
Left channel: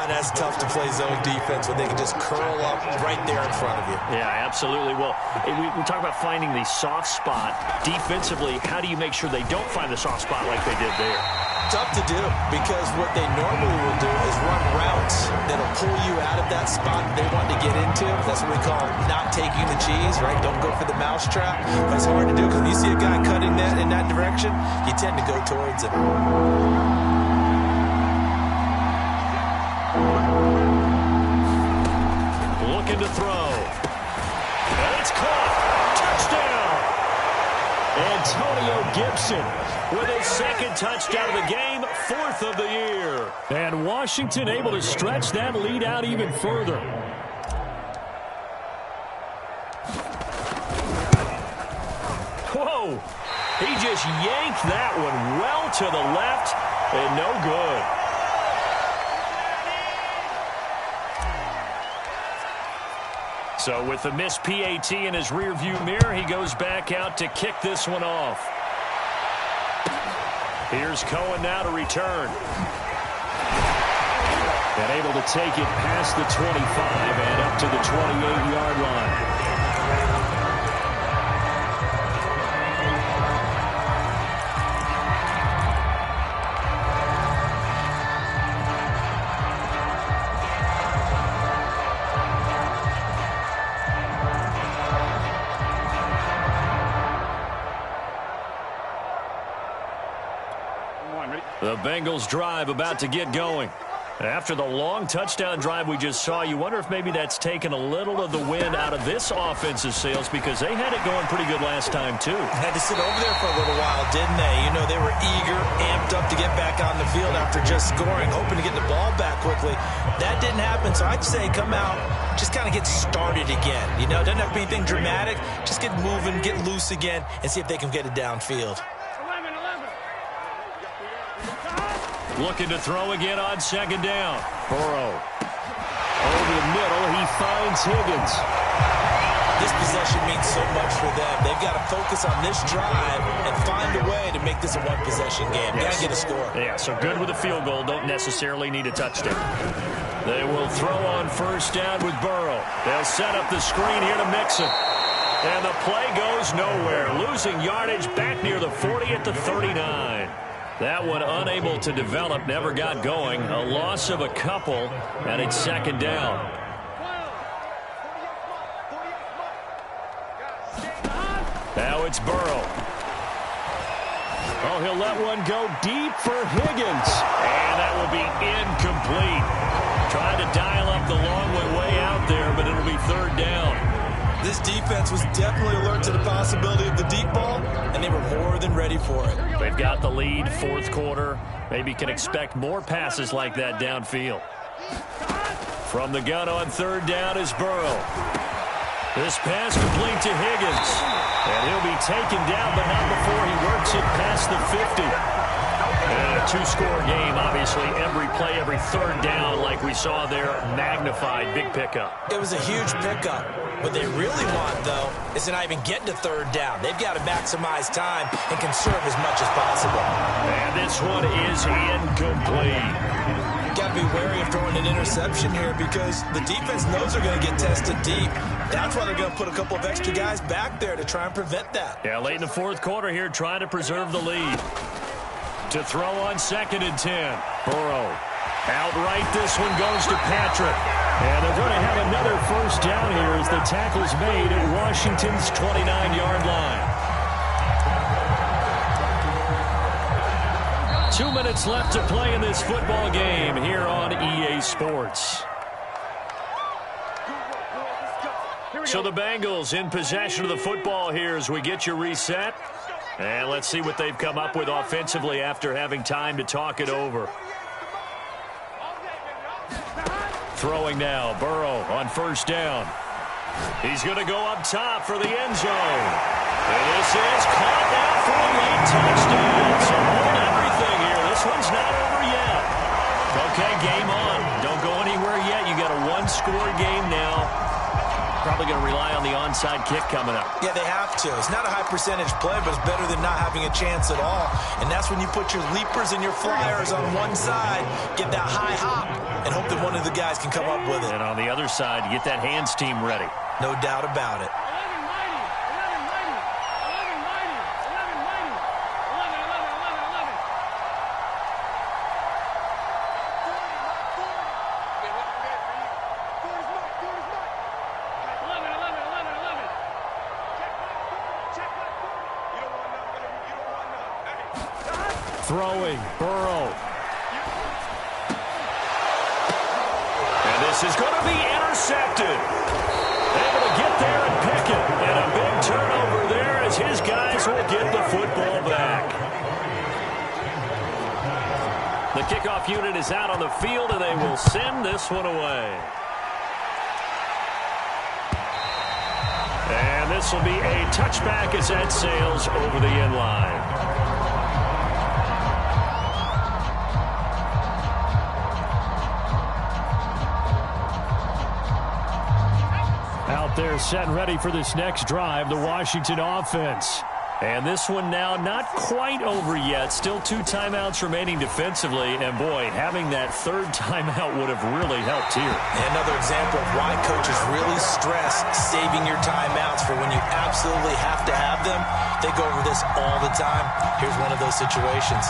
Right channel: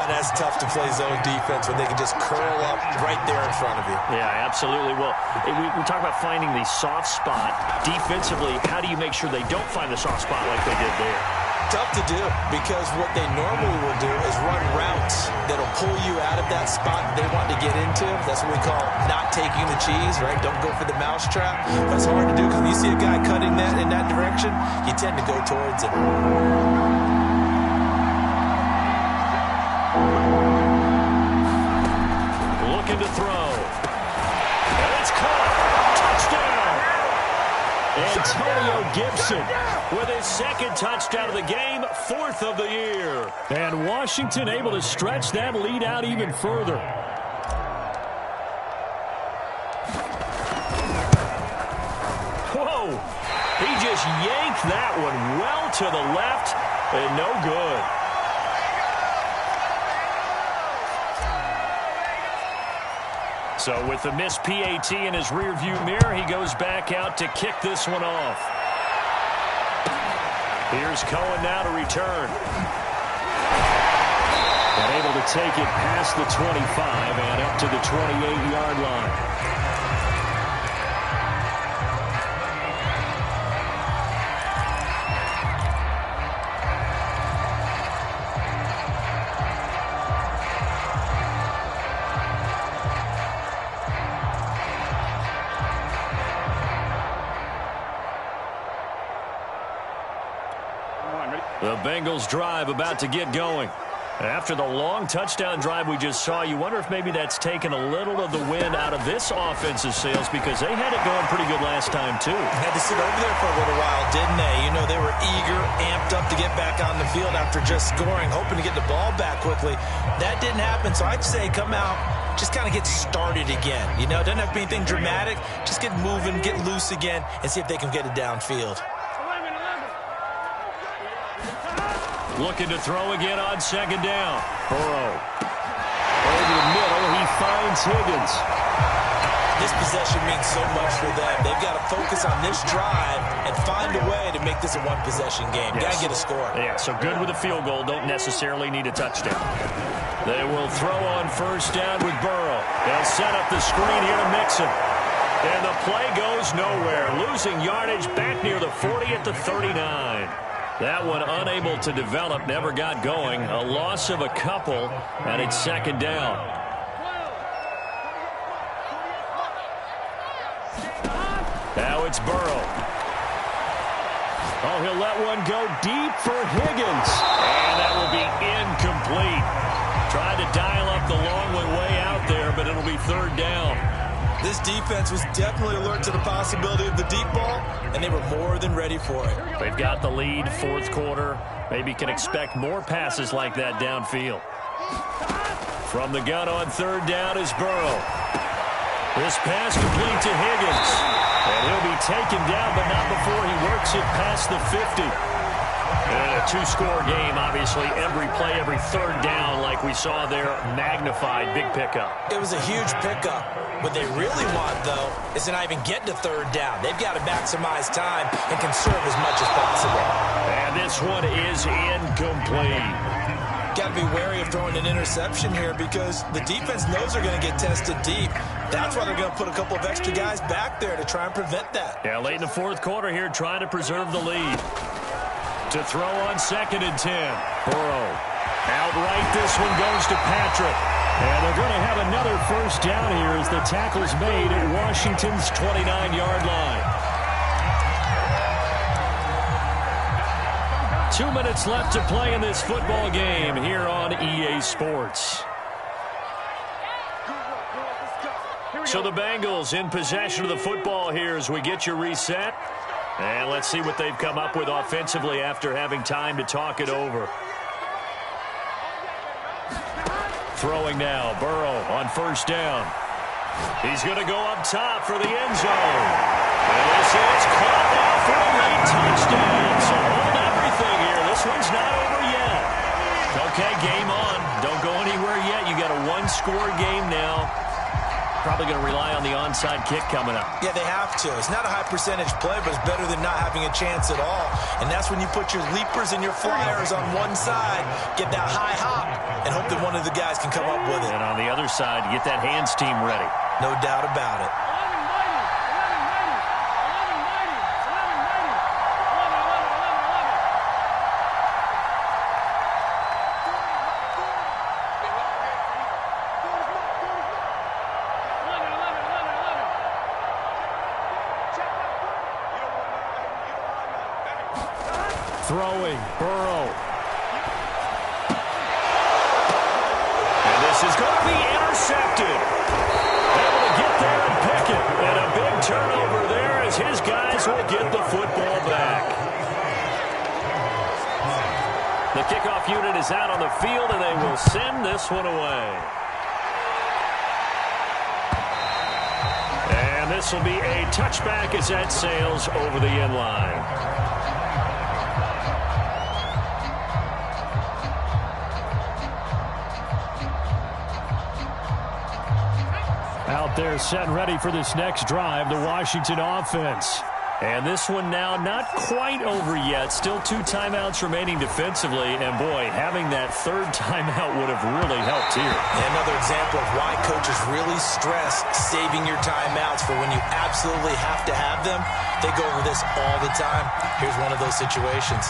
That's tough to play zone defense when they can just curl up right there in front of you. Yeah, absolutely. Well, we talk about finding the soft spot. Defensively, how do you make sure they don't find the soft spot like they did there? Tough to do, because what they normally will do is run routes that'll pull you out of that spot they want to get into. That's what we call not taking the cheese, right? Don't go for the mousetrap. But it's hard to do because when you see a guy cutting that in that direction, you tend to go towards it. Looking to throw. And it's caught. Touchdown. Antonio Gibson with his 2nd touchdown of the game, 4th of the year. And Washington able to stretch that lead out even further. Whoa! He just yanked that one well to the left, and no good. So with the missed PAT in his rearview mirror, he goes back out to kick this one off. Here's Cohen now to return. And able to take it past the 25 and up to the 28-yard line. The Bengals drive about to get going. After the long touchdown drive we just saw, you wonder if maybe that's taken a little of the wind out of this offensive sails, because they had it going pretty good last time, too. Had to sit over there for a little while, didn't they? You know, they were eager, amped up to get back on the field after just scoring, hoping to get the ball back quickly. That didn't happen, so I'd say come out, just kind of get started again. You know, it doesn't have to be anything dramatic. Just get moving, get loose again, and see if they can get it downfield. Looking to throw again on 2nd down. Burrow. Over the middle, he finds Higgins. This possession means so much for them. They've got to focus on this drive and find a way to make this a one-possession game. Yes. Got to get a score. Yeah, so good with a field goal. Don't necessarily need a touchdown. They will throw on 1st down with Burrow. They'll set up the screen here to Mixon. And the play goes nowhere. Losing yardage back near the 40 at the 39. That one unable to develop, never got going. A loss of a couple, and it's 2nd down. Now it's Burrow. Oh, he'll let one go deep for Higgins. And that will be incomplete. Tried to dial up the long way out there, but it'll be 3rd down. This defense was definitely alert to the possibility of the deep ball, and they were more than ready for it. They've got the lead, 4th quarter. Maybe can expect more passes like that downfield. From the gun on 3rd down is Burrow. This pass complete to Higgins. And he'll be taken down, but not before he works it past the 50. And a 2-score game, obviously. Every play, every 3rd down, like we saw there, magnified. Big pickup. It was a huge pickup. What they really want, though, is to not even get to 3rd down. They've got to maximize time and conserve as much as possible. And this one is incomplete. got to be wary of throwing an interception here because the defense knows they're going to get tested deep. That's why they're going to put a couple of extra guys back there to try and prevent that. Yeah, late in the fourth quarter here, trying to preserve the lead. To throw on 2nd and 10. Burrow. Outright, this one goes to Patrick. And they're going to have another first down here as the tackle's made at Washington's 29-yard line. 2 minutes left to play in this football game here on EA Sports. So the Bengals in possession of the football here as we get you reset. And let's see what they've come up with offensively after having time to talk it over. Throwing now, Burrow on first down. He's going to go up top for the end zone. And this is caught now for a late touchdown. So hold everything here. This one's not over yet. Okay, game on. Don't go anywhere yet. You got a one-score game now. Probably going to rely on the onside kick coming up. Yeah, they have to. It's not a high-percentage play, but it's better than not having a chance at all. And that's when you put your leapers and your flyers on one side, get that high hop, and hope that one of the guys can come up with it. And on the other side, you get that hands team ready. No doubt about it. 11 mighty, 11 mighty, 11 mighty, 11 mighty, 11, 11, 11, 11. 40, Mike, 40. Be a long day for you. 40's Mike, 40's Mike. 11, 11, 11, 11. Check back 40, check back 40. You don't want none, baby, you don't want none. Hey. Throwing, Burrow. And this is going to be intercepted. Able to get there and pick it. And a big turnover there as his guys will get the football back. The kickoff unit is out on the field, and they will send this one away. And this will be a touchback as that sails over the end line. Out there set and ready for this next drive, the Washington offense. And this one now not quite over yet. Still 2 timeouts remaining defensively. And, boy, having that third timeout would have really helped here. Another example of why coaches really stress saving your timeouts for when you absolutely have to have them. They go over this all the time. Here's one of those situations.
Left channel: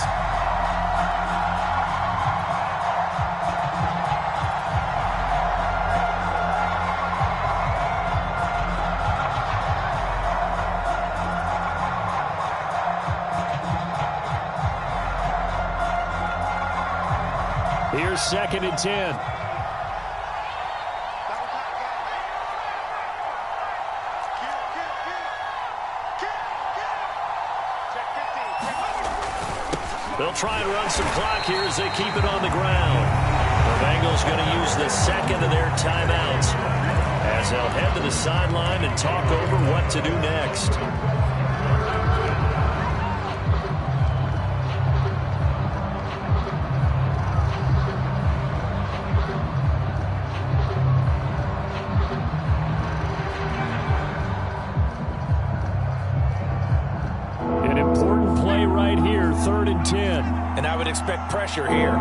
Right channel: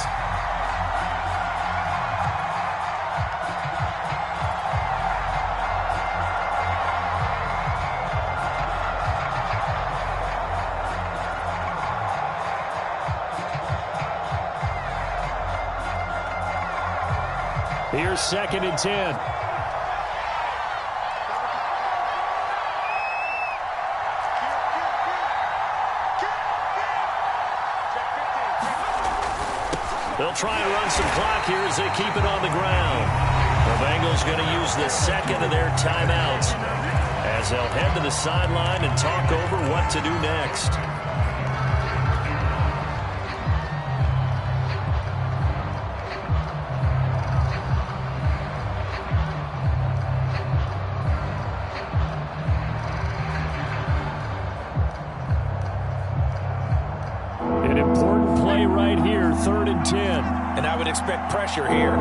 Here's 2nd and 10. They'll try and run some clock here as they keep it on the ground. The Bengals going to use the second of their timeouts as they'll head to the sideline and talk over what to do next. An important play right here, 3rd and 10. And I would expect pressure here.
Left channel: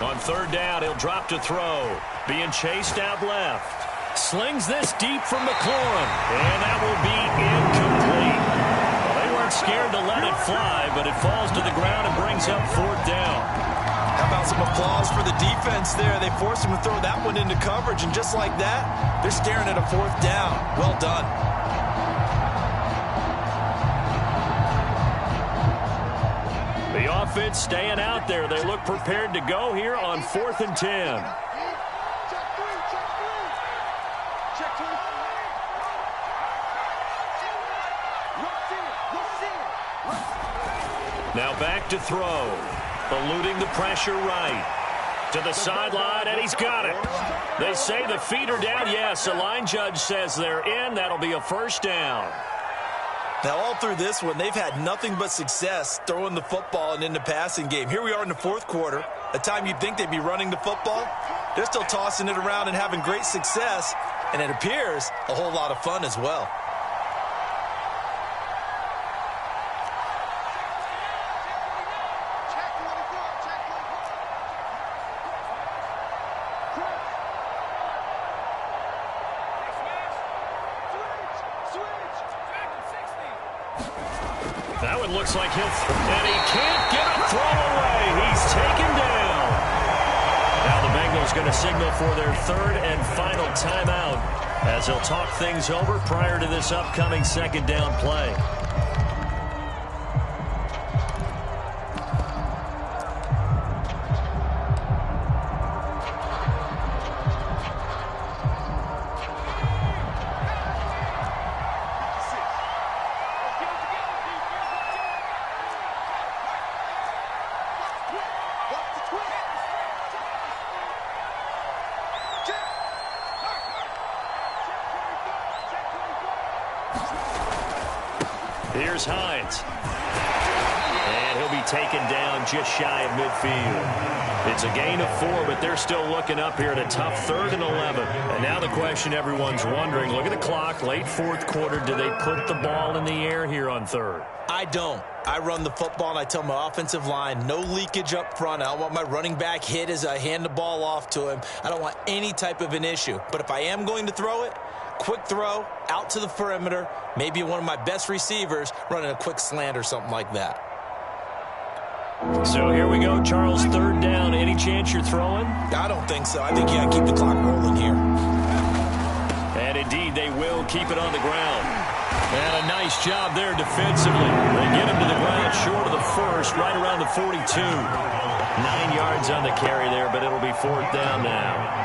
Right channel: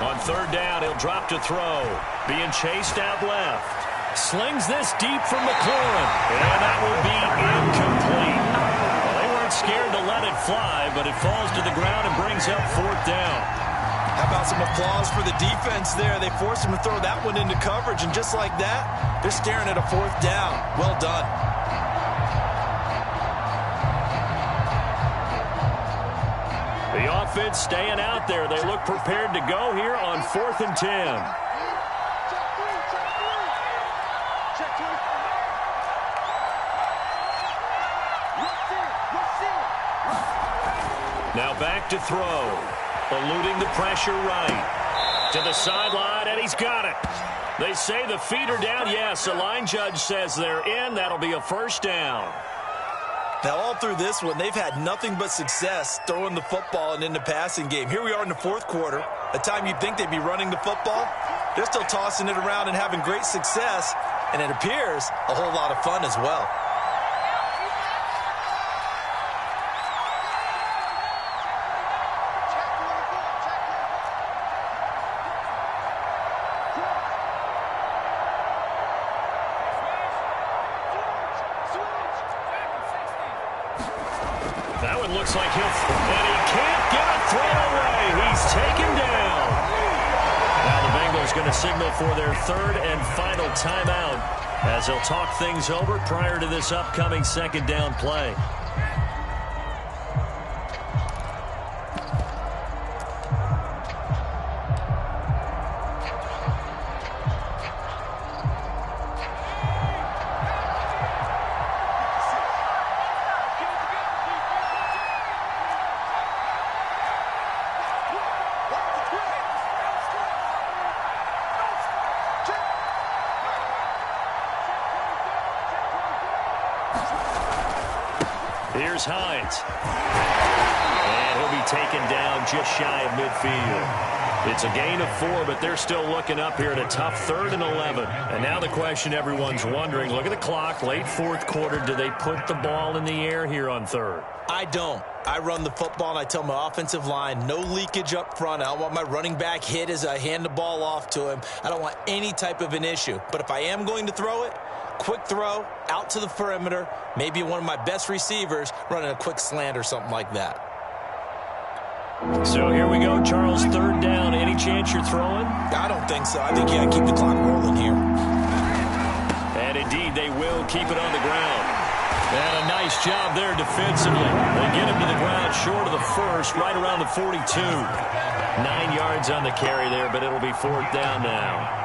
On 3rd down, he'll drop to throw. Being chased out left. Slings this deep from McLaurin. And that will be incomplete. Well, they weren't scared to let it fly, but it falls to the ground and brings up 4th down. How about some applause for the defense there? They forced him to throw that one into coverage, and just like that, they're staring at a 4th down. Well done. The offense staying out there. They look prepared to go here on 4th and 10. Check 3, check 3. Check 20. Now back to throw. Eluding the pressure right. To the sideline, and he's got it. They say the feet are down. Yes, the line judge says they're in. That'll be a 1st down. Now, all through this one, they've had nothing but success throwing the football and in the passing game. Here we are in the 4th quarter. A time you'd think they'd be running the football, they're still tossing it around and having great success, and it appears a whole lot of fun as well. That one looks like and he can't get a throw away. He's taken down. Now the Bengals going to signal for their third and final timeout as they'll talk things over prior to this upcoming second down play. Here's Hines. And he'll be taken down just shy of midfield. It's a gain of 4, but they're still looking up here at a tough 3rd and 11. And now the question everyone's wondering, look at the clock, late 4th quarter, do they put the ball in the air here on 3rd? I don't. I run the football, and I tell my offensive line, no leakage up front. I don't want my running back hit as I hand the ball off to him. I don't want any type of an issue. But if I am going to throw it, quick throw, out to the perimeter, maybe one of my best receivers running a quick slant or something like that. So here we go, Charles, 3rd down. Any chance you're throwing? I don't think so. I think you got to keep the clock rolling here. And indeed, they will keep it on the ground. And a nice job there defensively. They get him to the ground short of the first, right around the 42. 9 yards on the carry there, but it'll be 4th down now.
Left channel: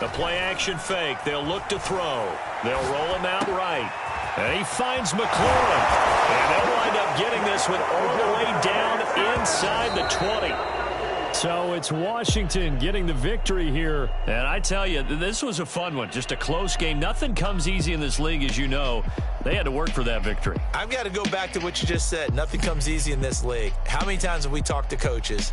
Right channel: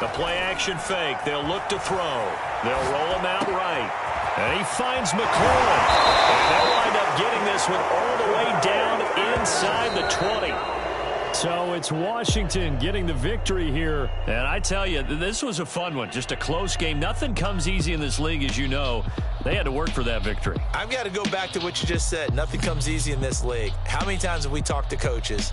The play-action fake. They'll look to throw. They'll roll him out right. And he finds McLaurin. And they'll wind up getting this one all the way down inside the 20. So it's Washington getting the victory here. And I tell you, this was a fun one. Just a close game. Nothing comes easy in this league, as you know. They had to work for that victory. I've got to go back to what you just said. Nothing comes easy in this league. How many times have we talked to coaches